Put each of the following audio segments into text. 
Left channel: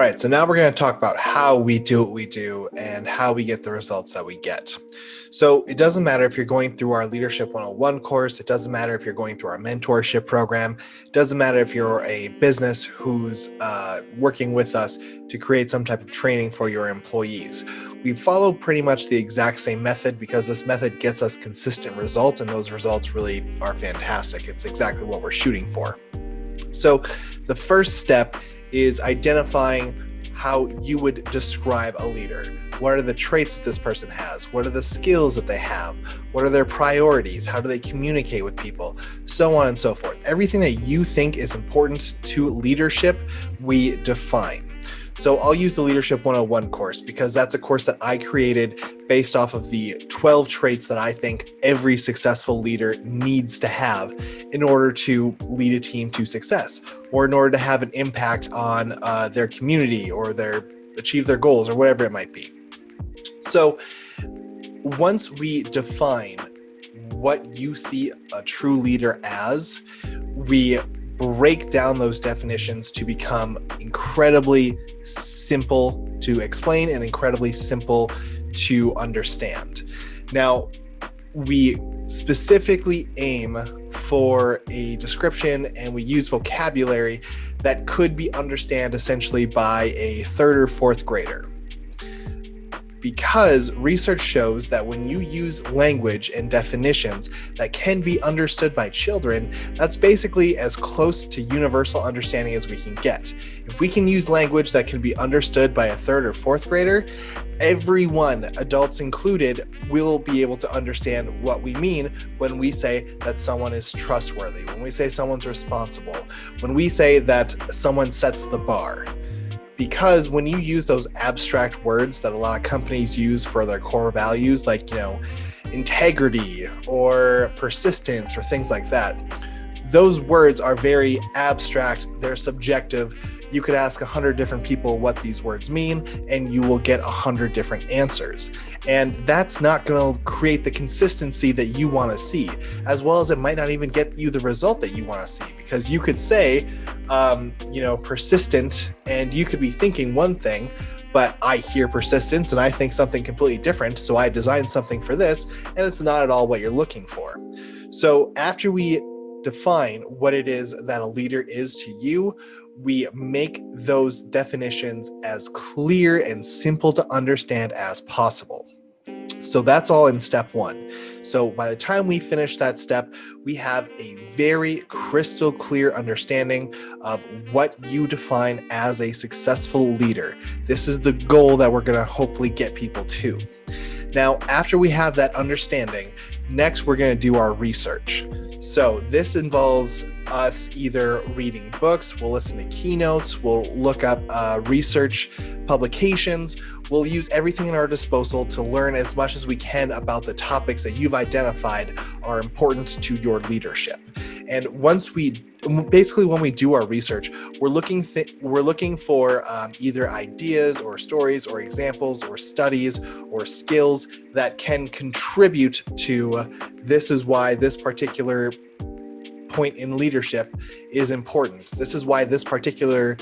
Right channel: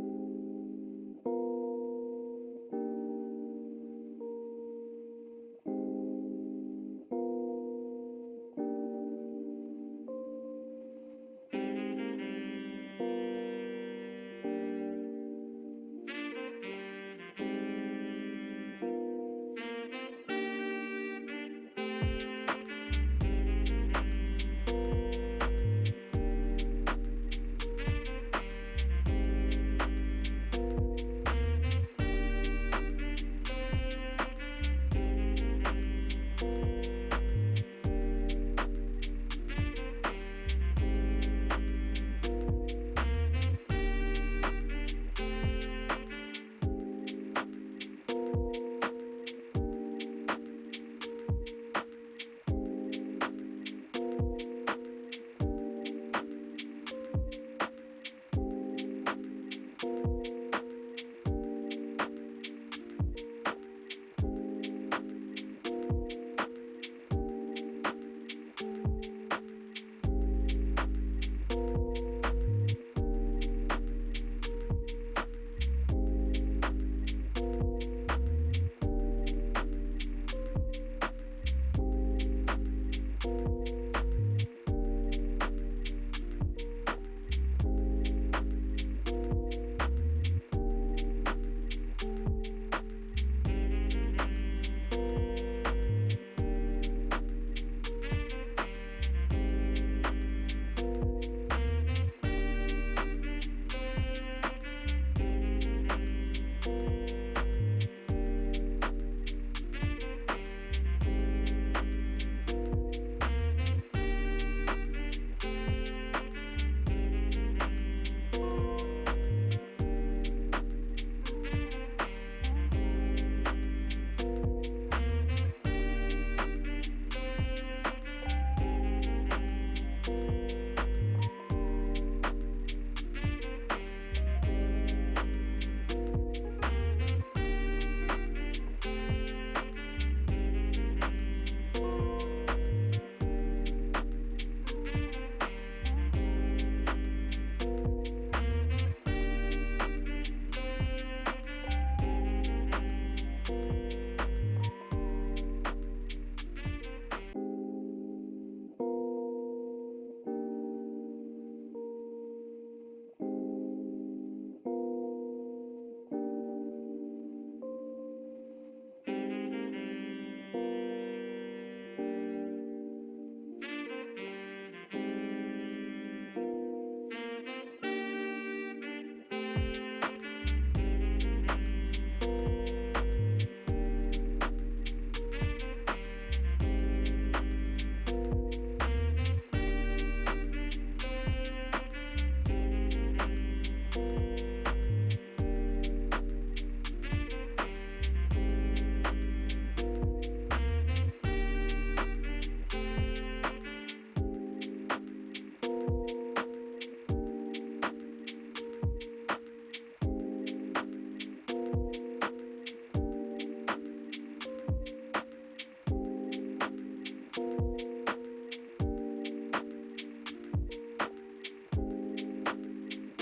All right, so now we're going to talk about how we do what we do and how we get the results that we get. So it doesn't matter if you're going through our Leadership 101 course, it doesn't matter if you're going through our mentorship program, it doesn't matter if you're a business who's working with us to create some type of training for your employees. We follow pretty much the exact same method because this method gets us consistent results, and those results really are fantastic. It's exactly what we're shooting for. So the first step is identifying how you would describe a leader. What are the traits that this person has? What are the skills that they have? What are their priorities? How do they communicate with people? So on and so forth. Everything that you think is important to leadership, we define. So I'll use the Leadership 101 course because that's a course that I created based off of the 12 traits that I think every successful leader needs to have in order to lead a team to success, or in order to have an impact on their community or achieve their goals or whatever it might be. So once we define what you see a true leader as, we break down those definitions to become incredibly simple to explain and incredibly simple to understand. Now, we specifically aim for a description and we use vocabulary that could be understood essentially by a third or fourth grader. Because research shows that when you use language and definitions that can be understood by children, that's basically as close to universal understanding as we can get. If we can use language that can be understood by a third or fourth grader, everyone, adults included, will be able to understand what we mean when we say that someone is trustworthy, when we say someone's responsible, when we say that someone sets the bar. Because when you use those abstract words that a lot of companies use for their core values, like, integrity or persistence or things like that, those words are very abstract, they're subjective. You could ask 100 different people what these words mean, and you will get 100 different answers. And that's not going to create the consistency that you want to see, as well as it might not even get you the result that you want to see, because you could say, persistent, and you could be thinking one thing, but I hear persistence and I think something completely different. So I designed something for this, and it's not at all what you're looking for. So after we define what it is that a leader is to you, we make those definitions as clear and simple to understand as possible. So that's all in step one. So by the time we finish that step, we have a very crystal clear understanding of what you define as a successful leader. This is the goal that we're going to hopefully get people to. Now, after we have that understanding, next we're going to do our research. So this involves us either reading books, we'll listen to keynotes, we'll look up research publications, we'll use everything at our disposal to learn as much as we can about the topics that you've identified are important to your leadership. And when we do our research, we're looking for either ideas or stories or examples or studies or skills that can contribute to this is why this particular point in leadership is important. This is why this particular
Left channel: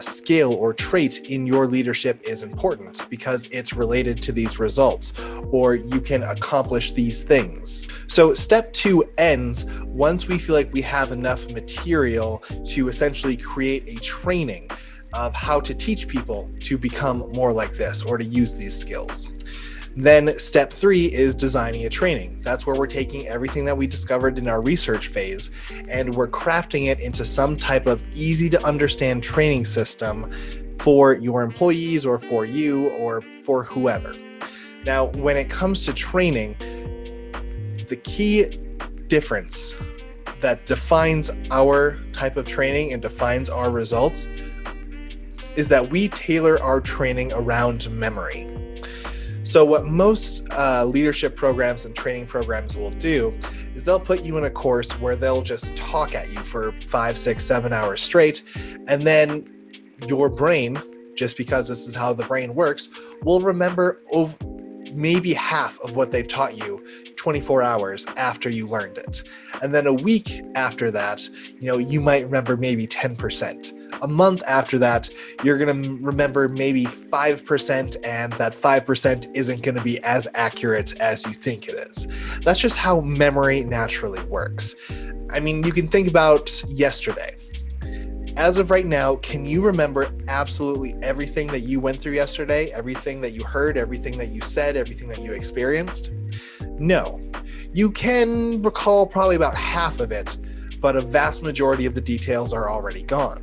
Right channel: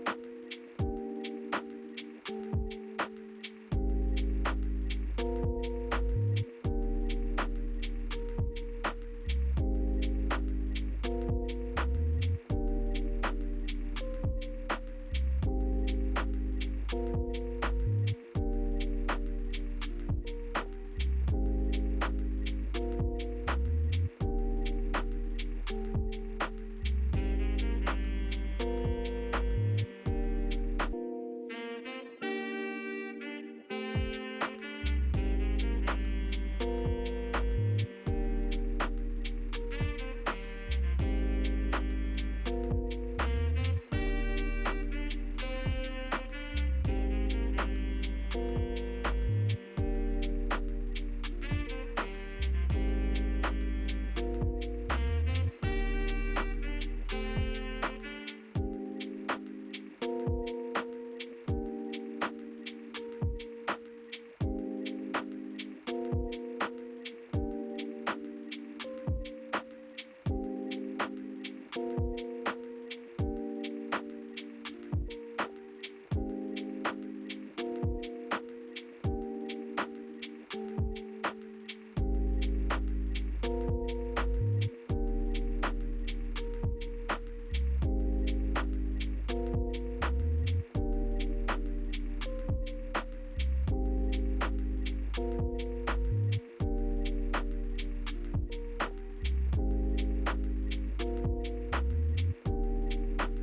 skill or trait in your leadership is important, because it's related to these results, or you can accomplish these things. So step 2 ends once we feel like we have enough material to essentially create a training of how to teach people to become more like this or to use these skills. Then step 3 is designing a training. That's where we're taking everything that we discovered in our research phase and we're crafting it into some type of easy to understand training system for your employees or for you or for whoever. Now, when it comes to training, the key difference that defines our type of training and defines our results is that we tailor our training around memory. So what most leadership programs and training programs will do is they'll put you in a course where they'll just talk at you for 5, 6, 7 hours straight. And then your brain, just because this is how the brain works, will remember maybe half of what they've taught you 24 hours after you learned it. And then a week after that, you might remember maybe 10% A month after that, you're going to remember maybe 5%, and that 5% isn't going to be as accurate as you think it is. That's just how memory naturally works. I mean, you can think about yesterday. As of right now, can you remember absolutely everything that you went through yesterday? Everything that you heard, everything that you said, everything that you experienced? No. You can recall probably about half of it, but a vast majority of the details are already gone.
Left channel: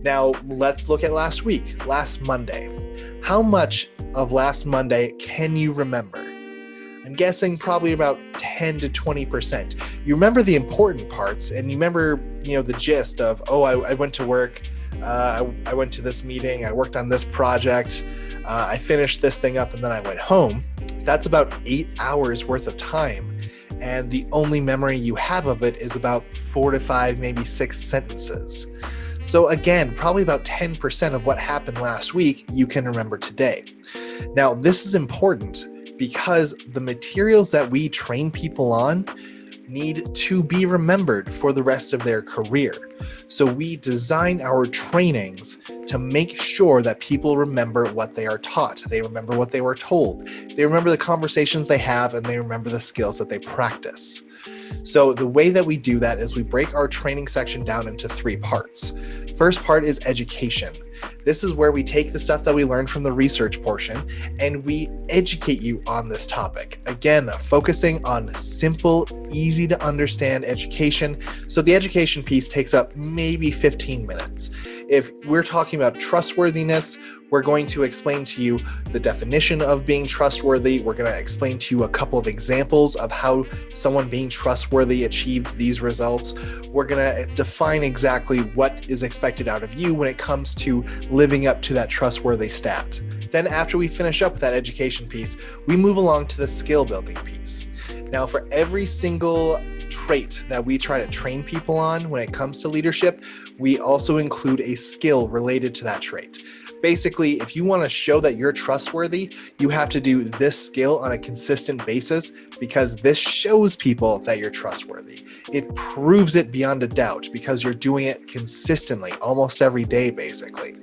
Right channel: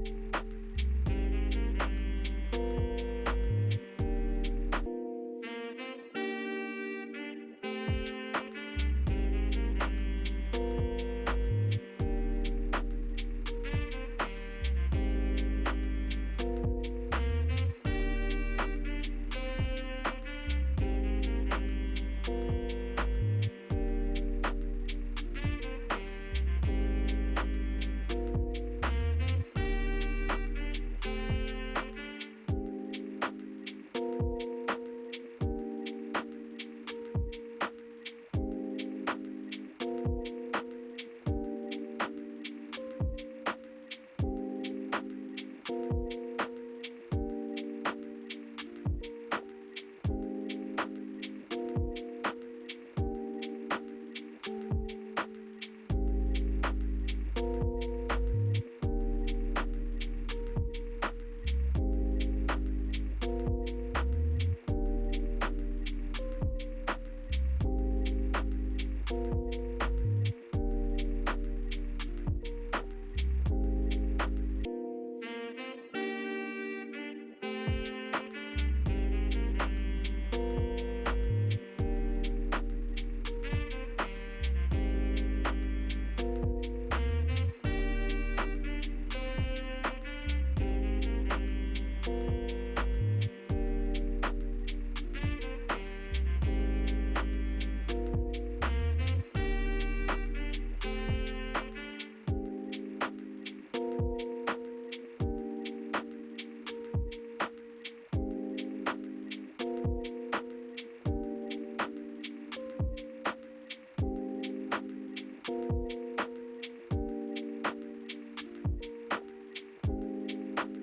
Now, let's look at last week, last Monday. How much of last Monday can you remember? I'm guessing probably about 10 to 20%. You remember the important parts, and you remember, the gist of, I went to work, I went to this meeting, I worked on this project, I finished this thing up, and then I went home. That's about 8 hours worth of time. And the only memory you have of it is about 4 to 5, maybe 6 sentences. So again, probably about 10% of what happened last week you can remember today. Now, this is important because the materials that we train people on need to be remembered for the rest of their career. So we design our trainings to make sure that people remember what they are taught. They remember what they were told. They remember the conversations they have, and they remember the skills that they practice. So the way that we do that is we break our training section down into 3 parts. First part is education. This is where we take the stuff that we learned from the research portion and we educate you on this topic. Again, focusing on simple, easy to understand education. So the education piece takes up maybe 15 minutes. If we're talking about trustworthiness, we're going to explain to you the definition of being trustworthy. We're going to explain to you a couple of examples of how someone being trustworthy achieved these results. We're going to define exactly what is expected out of you when it comes to living up to that trustworthy stat. Then after we finish up that education piece, we move along to the skill building piece. Now, for every single trait that we try to train people on when it comes to leadership, we also include a skill related to that trait. Basically, if you want to show that you're trustworthy, you have to do this skill on a consistent basis because this shows people that you're trustworthy. It proves it beyond a doubt because you're doing it consistently, almost every day, basically.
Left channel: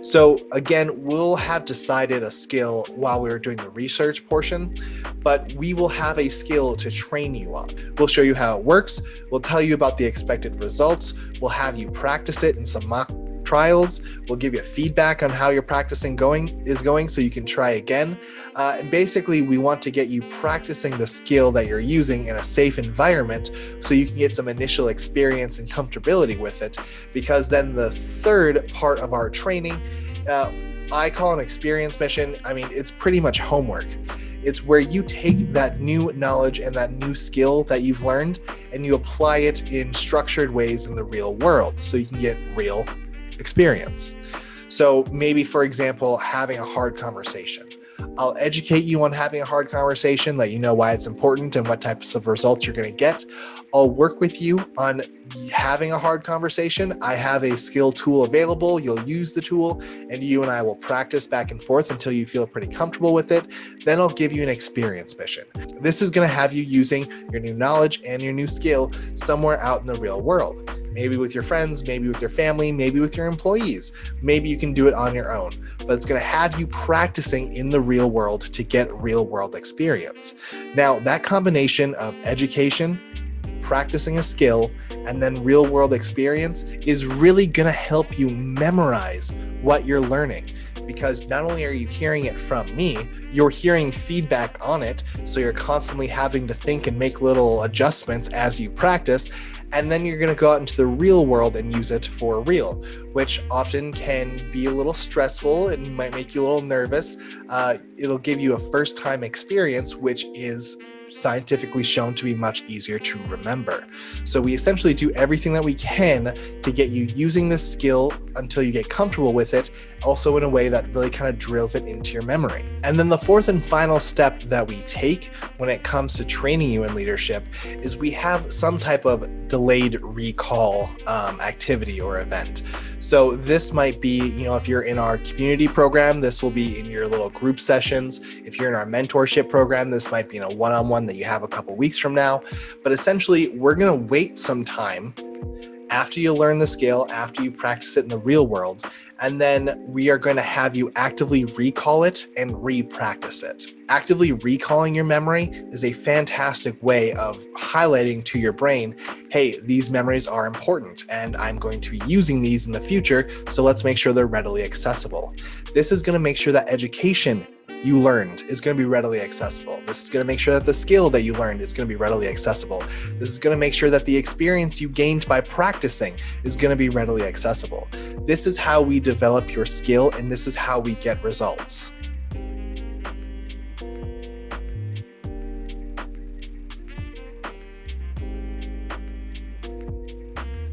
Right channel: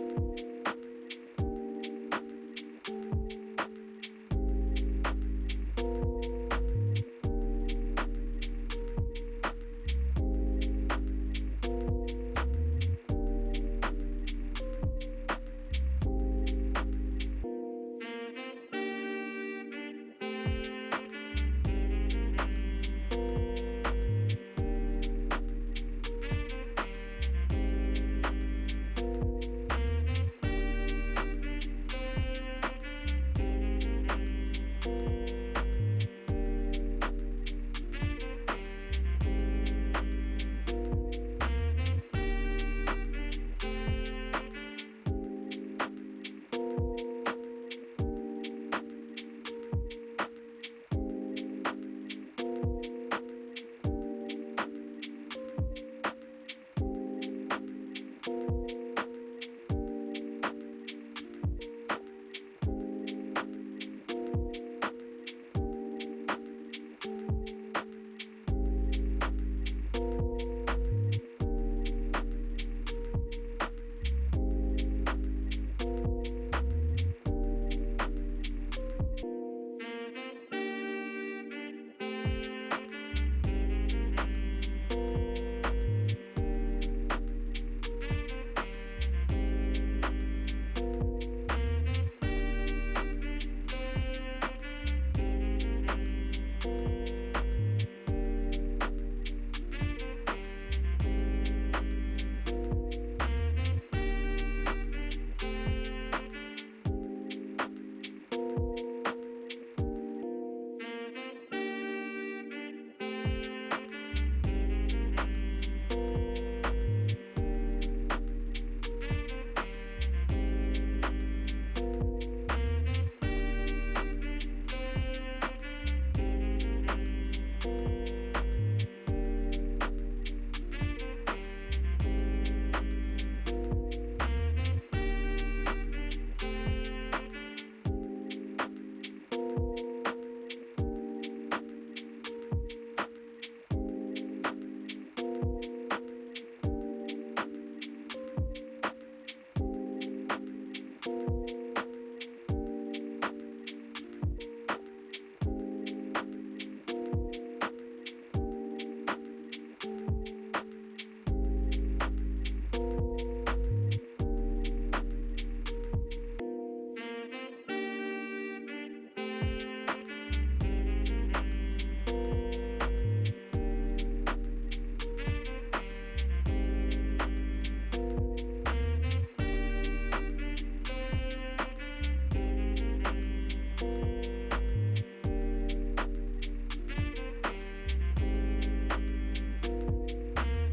So again, we'll have decided a skill while we were doing the research portion, but we will have a skill to train you on. We'll show you how it works. We'll tell you about the expected results. We'll have you practice it in some mock trials. We'll give you feedback on how your practicing is going so you can try again. And basically, we want to get you practicing the skill that you're using in a safe environment so you can get some initial experience and comfortability with it. Because then the third part of our training, I call an experience mission. I mean, it's pretty much homework. It's where you take that new knowledge and that new skill that you've learned and you apply it in structured ways in the real world so you can get real experience. So maybe, for example, having a hard conversation. I'll educate you on having a hard conversation, let you know why it's important and what types of results you're going to get. I'll work with you on having a hard conversation. I have a skill tool available. You'll use the tool and you and I will practice back and forth until you feel pretty comfortable with it. Then I'll give you an experience mission. This is going to have you using your new knowledge and your new skill somewhere out in the real world. Maybe with your friends, maybe with your family, maybe with your employees. Maybe you can do it on your own, but it's going to have you practicing in the real world to get real world experience. Now, that combination of education, practicing a skill, and then real world experience is really going to help you memorize what you're learning. Because not only are you hearing it from me, you're hearing feedback on it. So you're constantly having to think and make little adjustments as you practice. And then you're going to go out into the real world and use it for real, which often can be a little stressful and might make you a little nervous. It'll give you a first-time experience, which is scientifically shown to be much easier to remember. So we essentially do everything that we can to get you using this skill until you get comfortable with it, also in a way that really kind of drills it into your memory. And then the fourth and final step that we take when it comes to training you in leadership is we have some type of delayed recall activity or event. So this might be, if you're in our community program, this will be in your little group sessions. If you're in our mentorship program, this might be in a one-on-one that you have a couple weeks from now. But essentially, we're going to wait some time after you learn the skill, after you practice it in the real world, and then we are going to have you actively recall it and re-practice it. Actively recalling your memory is a fantastic way of highlighting to your brain, hey, these memories are important and I'm going to be using these in the future, so let's make sure they're readily accessible. This is going to make sure that education you learned is going to be readily accessible. This is going to make sure that the skill that you learned is going to be readily accessible. This is going to make sure that the experience you gained by practicing is going to be readily accessible. This is how we develop your skill, and this is how we get results.